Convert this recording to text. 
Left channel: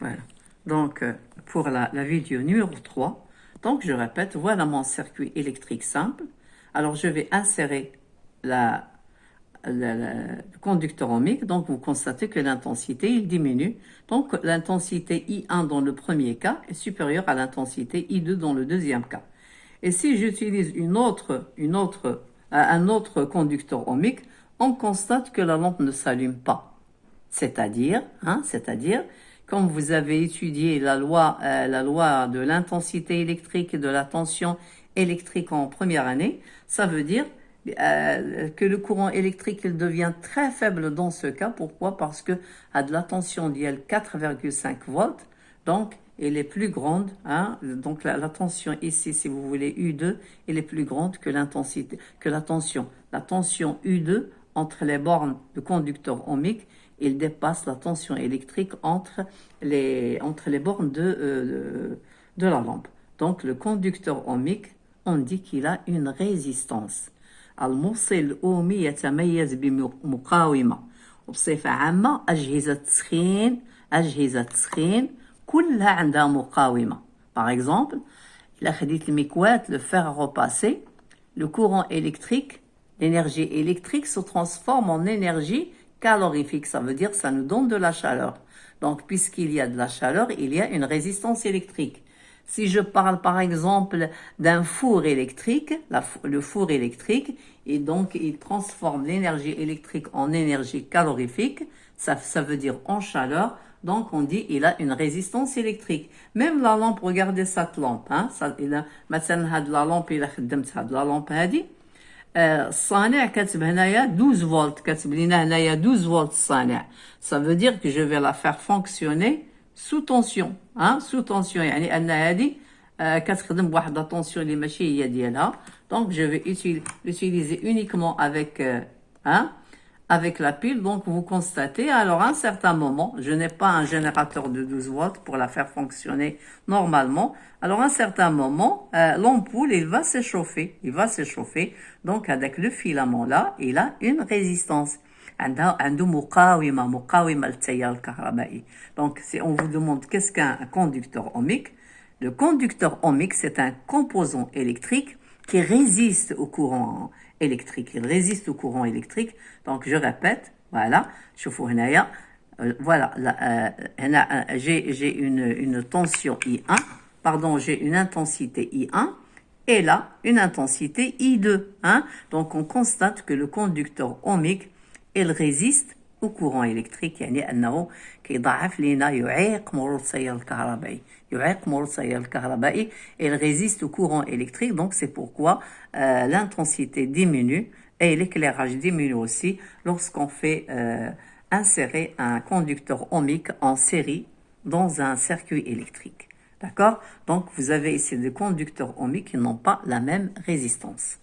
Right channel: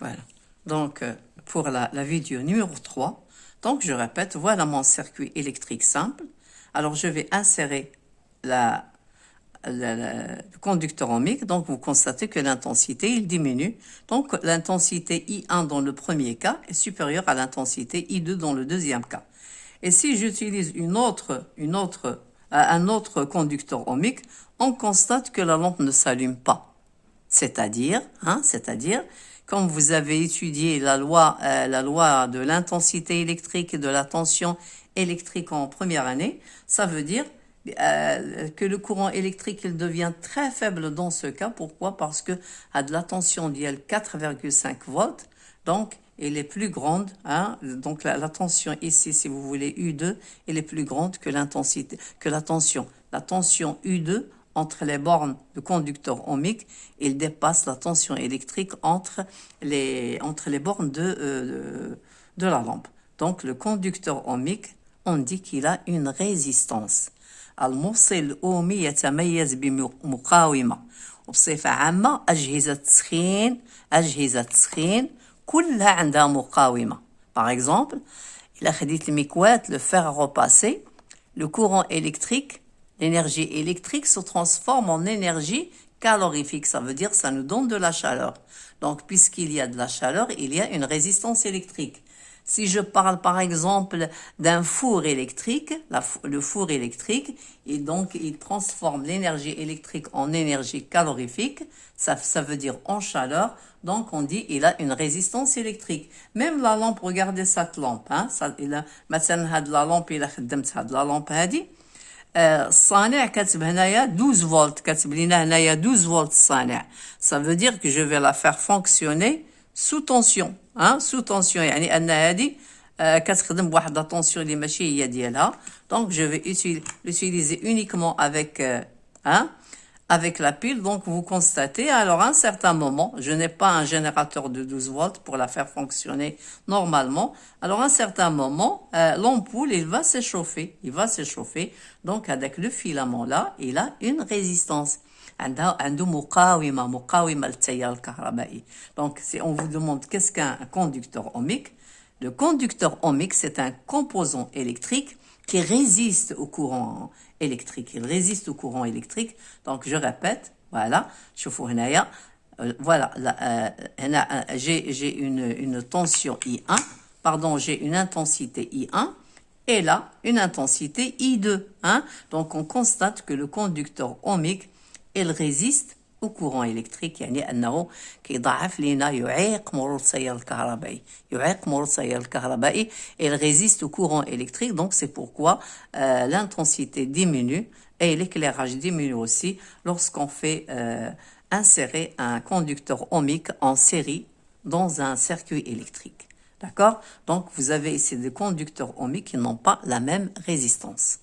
Voilà. Donc, pour la vidéo numéro 3, donc je répète, voilà mon circuit électrique simple. Alors, je vais insérer le conducteur ohmique. Donc, vous constatez que l'intensité, il diminue. Donc, l'intensité I1 dans le premier cas est supérieure à l'intensité I2 dans le deuxième cas. Et si j'utilise un autre conducteur ohmique, on constate que la lampe ne s'allume pas. C'est-à-dire, comme vous avez étudié la loi de l'intensité électrique et de la tension électrique en première année, ça veut dire que le courant électrique il devient très faible dans ce cas. Pourquoi? Parce que à de la tension d'IL 4,5 volts, donc elle est plus grande. Donc la tension ici, si vous voulez U2, elle est plus grande que l'intensité, que la tension. La tension U2 entre les bornes de conducteur ohmique, il dépasse la tension électrique entre les bornes de la lampe. Donc le conducteur ohmique, on dit qu'il a une résistance. الموصل الأومي يتميز بمقاومة وبصفة عامة أجهزة التسخين كلها عندها مقاومة. Par exemple, إلا خديت المكواة le fer à repasser, le courant électrique, l'énergie électrique se transforme en énergie calorifique. Ça veut dire ça nous donne de la chaleur. Donc, puisqu'il y a de la chaleur, il y a une résistance électrique. Si je parle par exemple d'un four électrique, le four électrique, et donc il transforme l'énergie électrique en énergie calorifique, ça veut dire en chaleur, donc on dit il a une résistance électrique. Même la lampe, regardez cette lampe, مثلا la lampe إلا خدمت هاد la lampe هادي الصانع كاتب هنايا 12 فولت كاتب لينا هنايا 12 فولت الصانع. Ça veut dire que je vais la faire fonctionner sous tension, sous tension. يعني أن هذه كتخدم بواحد la tension اللي ماشي هي ديالها. Donc je vais l'utiliser uniquement avec la pile. Donc vous constatez, alors à un certain moment, je n'ai pas un générateur de 12 volts pour la faire fonctionner normalement. Alors à un certain moment, l'ampoule, il va s'échauffer. Donc avec le filament là, il a une résistance. عنده مقاومة للتيار الكهربائي. Donc si on vous demande qu'est-ce qu'un conducteur ohmique, le conducteur ohmique, c'est un composant électrique qui résiste au courant électrique. Il résiste au courant électrique. Donc, je répète, voilà, شوفوا هنايا, voilà, j'ai une tension I1, pardon, j'ai une intensité I1, et là, une intensité I2. Donc, on constate que le conducteur ohmique, il résiste au courant électrique. يعني أنه كيضعف لنا يعيق مرور التيار الكهربائي. Il résiste au courant électrique. Donc c'est pourquoi l'intensité diminue et l'éclairage diminue aussi lorsqu'on fait insérer un conducteur ohmique en série dans un circuit électrique. D'accord? Donc vous avez ici des conducteurs ohmiques qui n'ont pas la même résistance.